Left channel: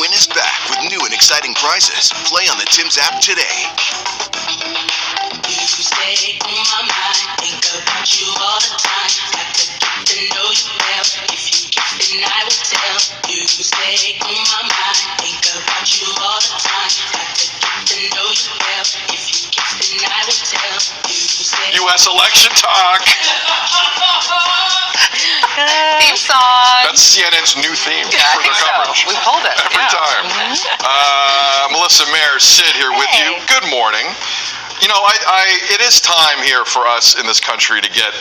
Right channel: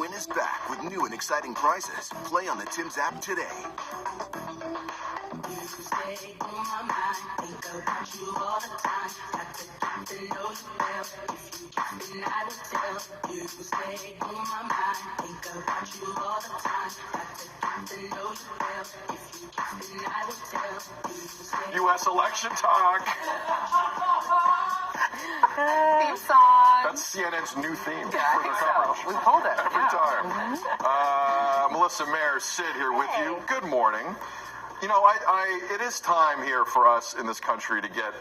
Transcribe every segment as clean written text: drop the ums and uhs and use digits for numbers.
Win is back with new and exciting prizes. Play on the Tim's app today. You stay on my mind, think about you all the time. Got to get to know you well. If you kiss, then I will tell. You stay on my mind, think about you all the time. Got to get to know you well. If you kiss, then I will tell. You stay. U.S. election talk. Theme song. That's CNN's new theme Yeah, I for think their coverage. so. We pulled it. Every time. Melissa Mayer, Sid here with you. Good morning. You know, it is time here for us in this country to get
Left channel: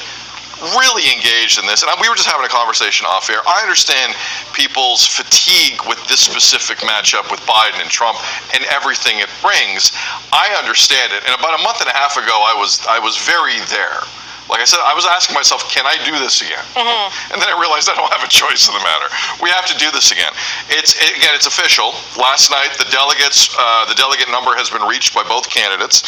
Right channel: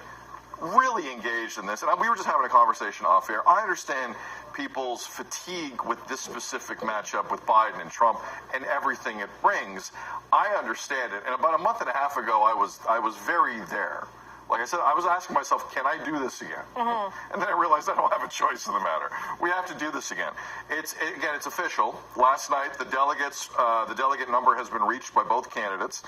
really engaged in this. And we were just having a conversation off air. I understand people's fatigue with this specific matchup with Biden and Trump and everything it brings. I understand it. And about a month and a half ago, I was very there. Like I said, I was asking myself, can I do this again? And then I realized I don't have a choice in the matter. We have to do this again. It's official. Last night, the delegate number has been reached by both candidates.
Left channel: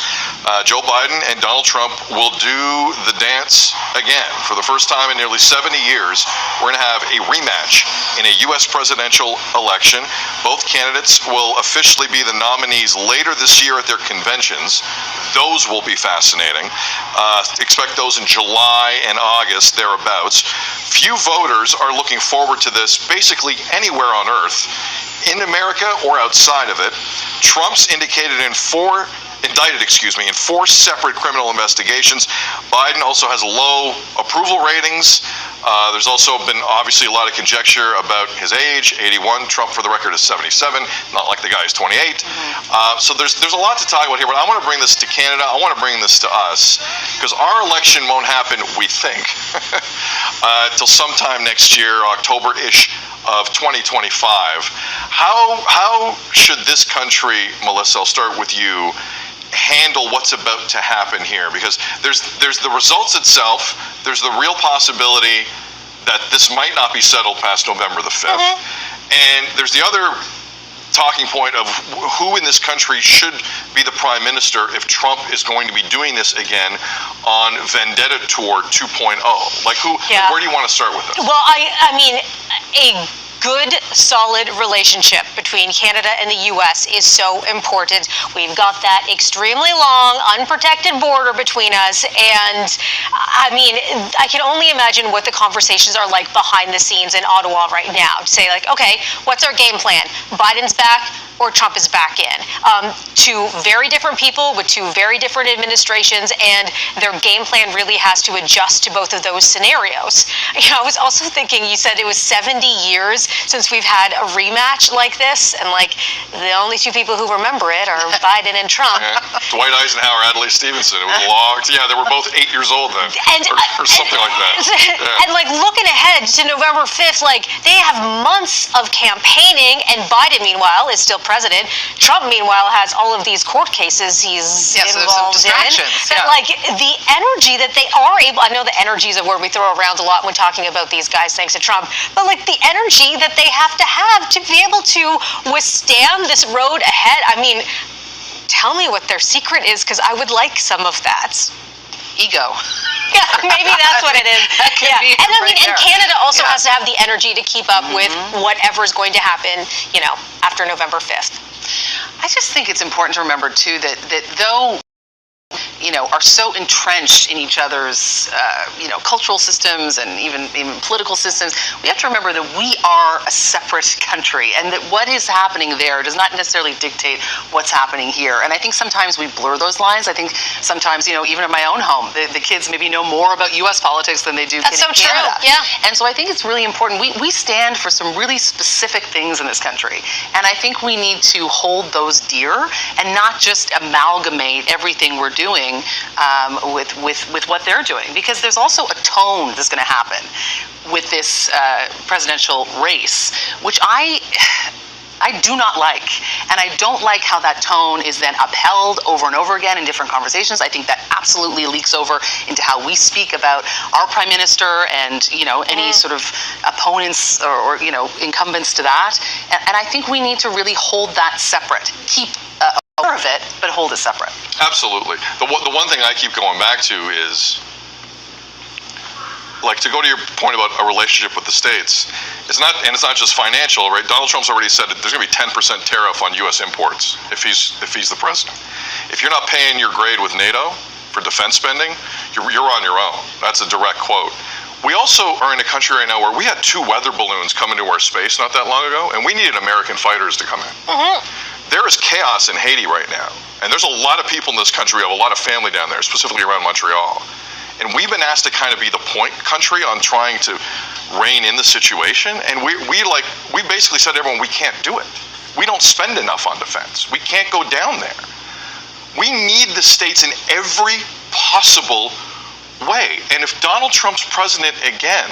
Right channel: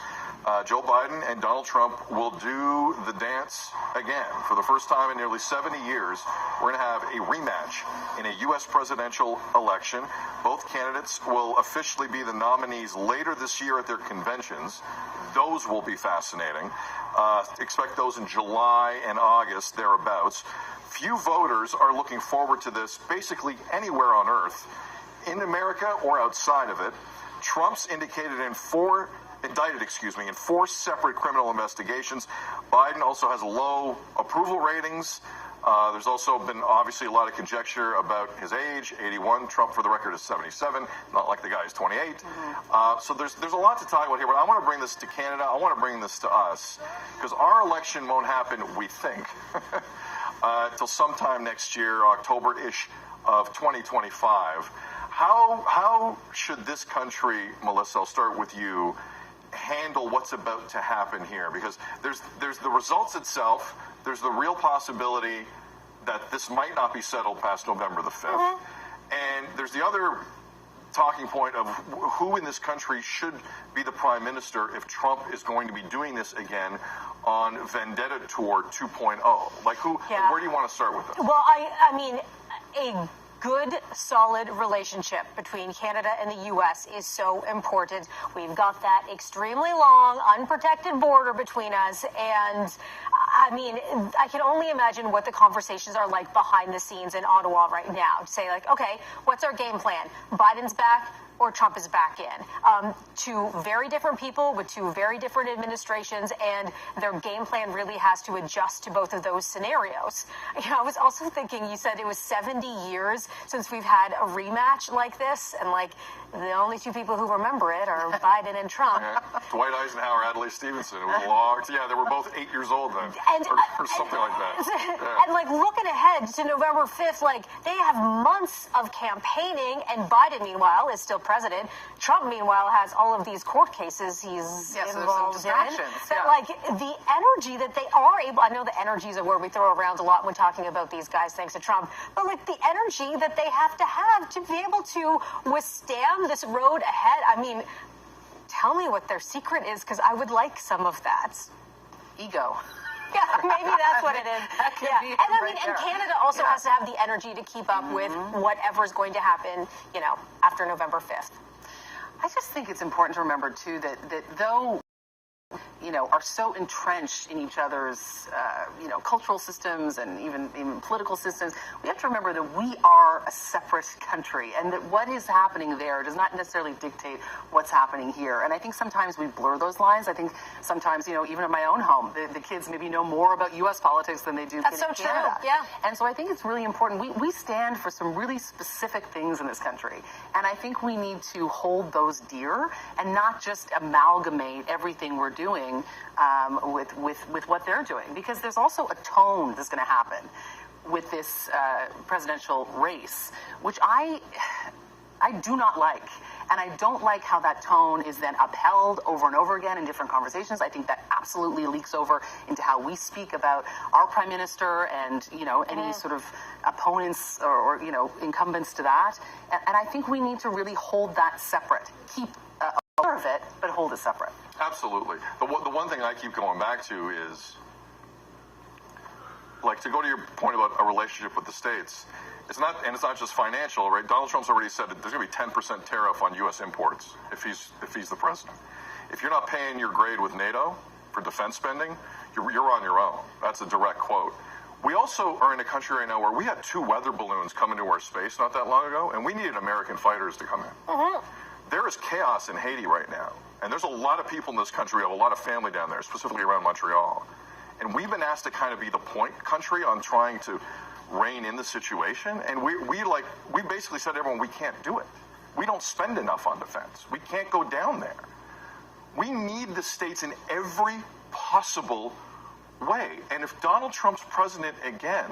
Joe Biden and Donald Trump will do the dance again. For the first time in nearly 70 years, we're going to have a rematch in a U.S. presidential election. Both candidates will officially be the nominees later this year at their conventions. Those will be fascinating. Expect those in July and August, thereabouts. Few voters are looking forward to this basically anywhere on earth, in America or outside of it. Trump's indicted in four separate criminal investigations. Biden also has low approval ratings. There's also been obviously a lot of conjecture about his age, 81. Trump, for the record, is 77. Not like the guy is 28. So there's a lot to talk about here, but I want to bring this to Canada. I want to bring this to us because our election won't happen, we think, till sometime next year, October-ish of 2025. How should this country, Melissa, I'll start with you, handle what's about to happen here? Because there's the results itself, there's the real possibility that this might not be settled past November the 5th, and there's the other talking point of who in this country should be the prime minister if Trump is going to be doing this again on Vendetta Tour 2.0. Like where do you want to start with this? Well, I mean, a good, solid relationship between Canada and the U.S. is so important. We've got that extremely long, unprotected border between us, and I mean, I can only imagine what the conversations are like behind the scenes in Ottawa right now. To say like, okay, what's our game plan? Biden's back, or Trump is back in. Two very different people with two very different administrations, and their game plan really has to adjust to both of those scenarios. You know, I was also thinking, you said it was 70 years since we've had a rematch like this, and like the only two people who remember it are Biden and Trump. Dwight Eisenhower, Adlai Stevenson. It was long. Yeah, they were both 8 years old then, or something like that. And like looking ahead to November 5th, like they have months of campaigning, and Biden, meanwhile, is still president. Trump, meanwhile, has all of these court cases he's involved in. But like the energy that they are able, I know the energy is a word we throw around a lot when talking about these guys, thanks to Trump, but like the energy that they have to be able to withstand this road ahead. I mean, tell me what their secret is, because I would like some of that. Ego. Yeah, maybe that's what it is. And I mean, and Canada also has to have the energy to keep up with whatever's going to happen, you know, after November 5th. I just think it's important to remember too that though, you know, are so entrenched in each other's, you know, cultural systems and even political systems, we have to remember that we are a separate country, and that what is happening there does not necessarily dictate what's happening here. And I think sometimes we blur those lines. I think sometimes, you know, even in my own home, the kids maybe know more about U.S. politics than they do That's in so Canada. True. Yeah. And so I think it's really important. We stand for some really specific things in this country, and I think we need to hold those dear and not just amalgamate everything we're doing with what they're doing, because there's also a tone that's going to happen with this presidential race, which I do not like. And I don't like how that tone is then upheld over and over again in different conversations. I think that absolutely leaks over into how we speak about our prime minister and, you know, any sort of opponents or you know, incumbents to that. And I think we need to really hold that separate. Keep aware of it, but hold it separate. Absolutely. The one thing I keep going back to is like to go to your point about a relationship with the states, it's not just financial, right? Donald Trump's already said that there's going to be 10% tariff on U.S. imports if he's the president. If you're not paying your grade with NATO for defense spending, you're on your own. That's a direct quote. We also are in a country right now where we had 2 weather balloons come into our space not that long ago, and we needed American fighters to come in. There is chaos in Haiti right now, and there's a lot of people in this country. We have a lot of family down there, specifically around Montreal. And we've been asked to kind of be the point country on trying to rein in the situation, and we basically said to everyone, we can't do it. We don't spend enough on defense. We can't go down there. We need the states in every possible way. And if Donald Trump's president again,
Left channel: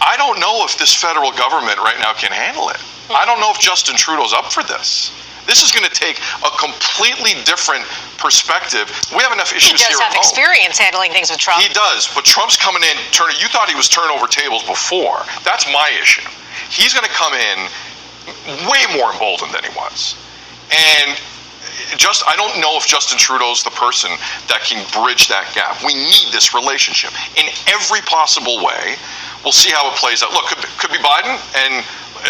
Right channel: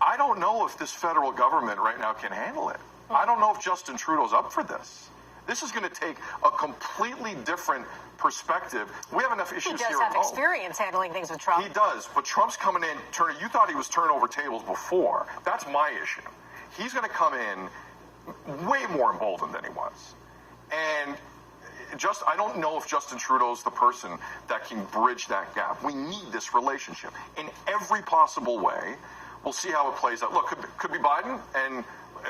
I don't know if this federal government right now can handle it. I don't know if Justin Trudeau's up for this. This is going to take a completely different perspective. We have enough issues here at home. He does have experience handling things with Trump. He does, but Trump's coming in. You thought he was turning over tables before. That's my issue. He's going to come in way more emboldened than he was. And I don't know if Justin Trudeau's the person that can bridge that gap. We need this relationship in every possible way. We'll see how it plays out. Look, could be Biden, and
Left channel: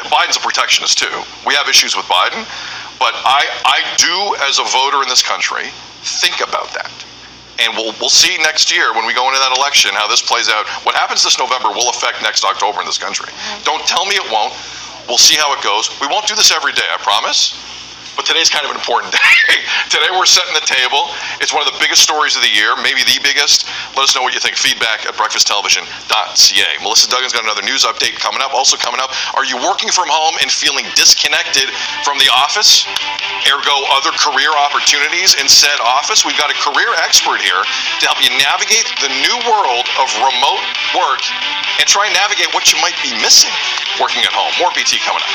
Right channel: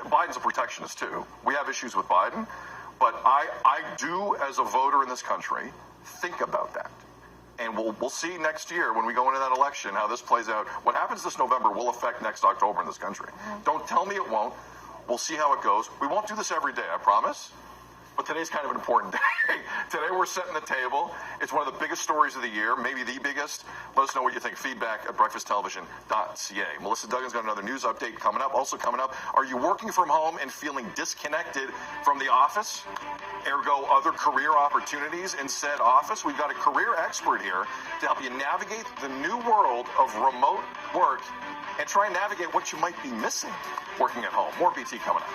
Biden's a protectionist too. We have issues with Biden, but I do, as a voter in this country, think about that. And we'll see next year when we go into that election how this plays out. What happens this November will affect next October in this country. Don't tell me it won't. We'll see how it goes. We won't do this every day, I promise. But today's kind of an important day. Today we're setting the table. It's one of the biggest stories of the year, maybe the biggest. Let us know what you think. Feedback at breakfasttelevision.ca. Melissa Duggan's got another news update coming up. Also coming up, are you working from home and feeling disconnected from the office? Ergo, other career opportunities in said office? We've got a career expert here to help you navigate the new world of remote work and try and navigate what you might be missing working at home. More BT coming up.